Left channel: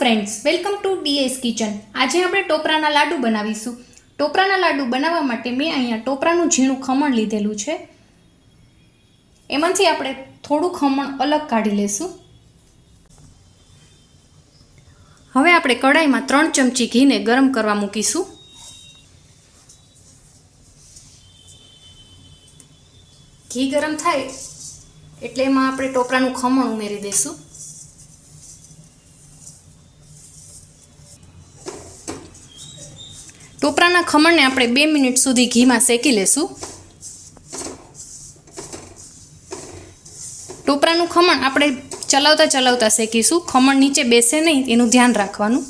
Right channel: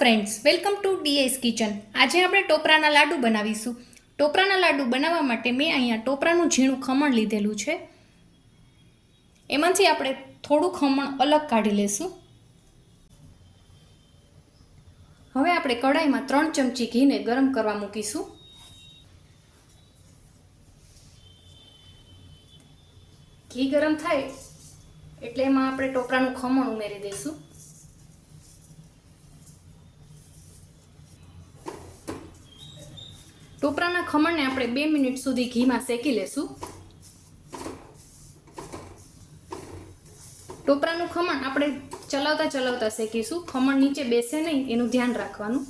Friends, welcome to DS kitchen. આજે આપણે ટોપરાના લાડુ બનાવીશું. ટોપરાના લાડુ બનાવવા માટે મેં અહીંયા ટોપરાનું ઝીણું ખમણ લીધેલું છે. એમાંથી આપણે થોડું ખમણ અલગ કાઢી લેશું. હવે આપણે કઢાઈમાં 3 ચમચી ઘીને ગરમ કરવા મૂકીશું. ઘી ગરમ થાય એટલે એમાં આપણે ટોપરાનું ખમણ ઉમેરી દઈશું. ટોપરાના ખમણને આપણે 2 મિનિટ સુધી ઘીમાં શેકી લેશું. ટોપરાનું ખમણ આપણે ચલાવતા શેકીશું. ખમણ નીચે બેસે નહીં એનું ધ્યાન રાખવાનું.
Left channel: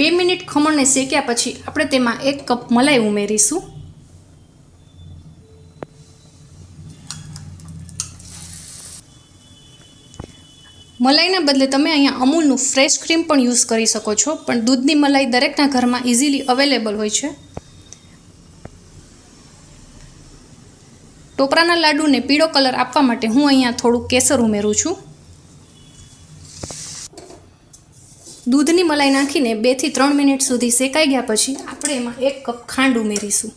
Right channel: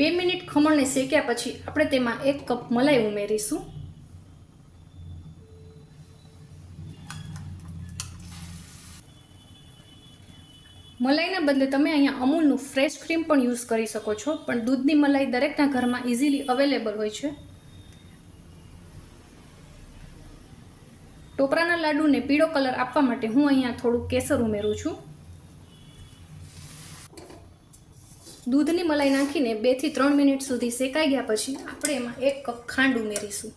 2 મિનિટ ખમણને શેક્યા પછી આપણે તેમાં 1 કપ મલાઈ ઉમેરીશું. મલાઈના બદલે તમે અહીંયા અમૂલનું ફ્રેશ ક્રીમ પણ યુઝ કરી શકો છો, પણ દૂધની મલાઈ દરેકના ઘરમાં ઇઝીલી અવેલેબલ હોય છે. ટોપરાના લાડુને પીળો કલર આપવા માટે હું અહીંયા થોડું કેસર ઉમેરું છું. દૂધની મલાઈ નાખીને 2 થી 3 મિનિટ સુધી શેકાઈ ગયા પછી આપણે એમાં 1 કપ ખાંડ ઉમેરીશું.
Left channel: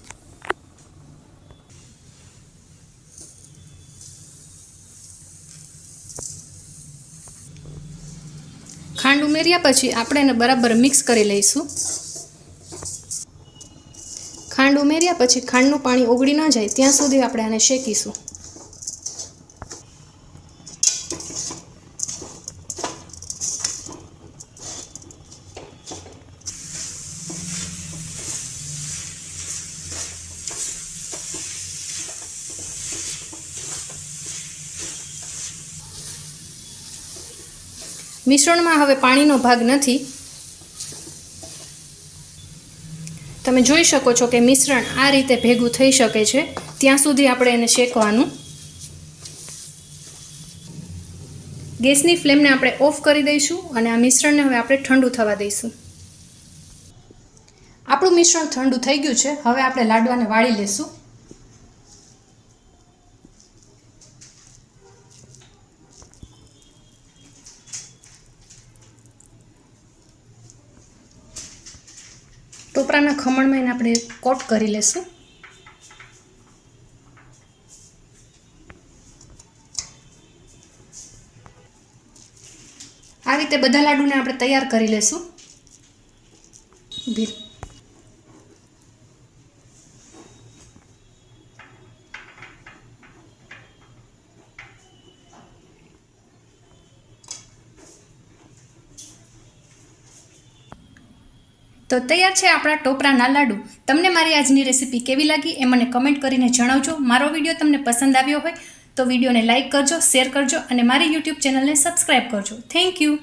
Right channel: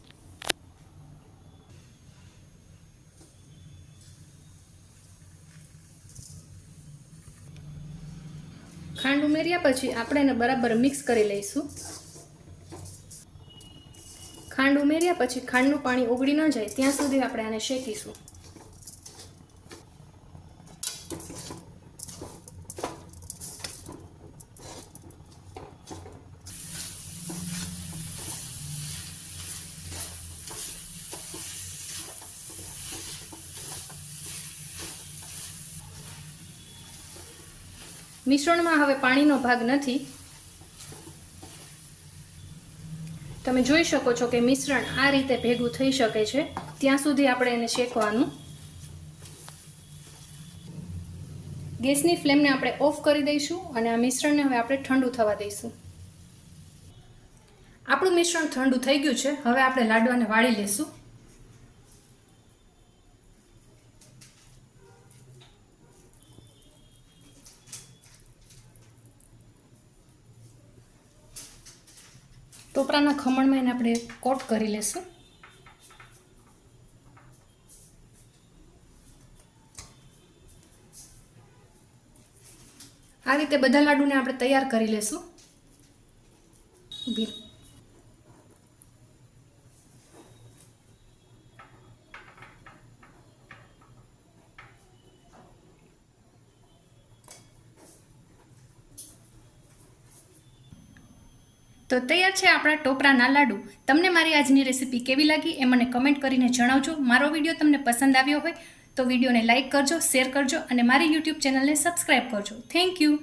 ખાંડ ઉમેર્યા પછી આપણે એને બરાબર મિક્સ કરી લઈશું. ખાંડ ઉમેર્યા પછી ખાંડનું પાણી ઓગળી ન જાય ત્યાં સુધી આપણે આને શેકીશું. મિશ્રણમાં હવે પાણીનો ભાગ નથી. તમે જોઈ શકો છો કે મિશ્રણ આ રીતે ભેગું થઈ શકે છે. ત્યાં સુધી આપણે એને શેકવાનું. ગેસની ફ્લેમને આપણે ઓફ કરી દઈશું અને આ મિશ્રણને હવે આપણે ઠંડુ થવા દઈશું. આપણું મિશ્રણ ઠંડુ થઈ ગયું છે. હવે આપણે લાડવાને વાળી લેશું. ટોપરાના ખમણમાં એને આપણે કોટ કરી લેશું. આ રીતે બધા લાડુને આપણે તૈયાર કરી લેશું. તો તૈયાર છે આપણા ટોપરાના લાડુ. તમને મારી આજની રેસીપી કેવી લાગી એ મને કમેન્ટ કરીને જણાવજો. મારો વિડીયો તમને પસંદ આવ્યો હોય તો વિડીયોને લાઇક કરજો, શેર કરજો અને મારી યુટ્યુબ ચેનલને સબસ્ક્રાઈબ કરજો. Thank you.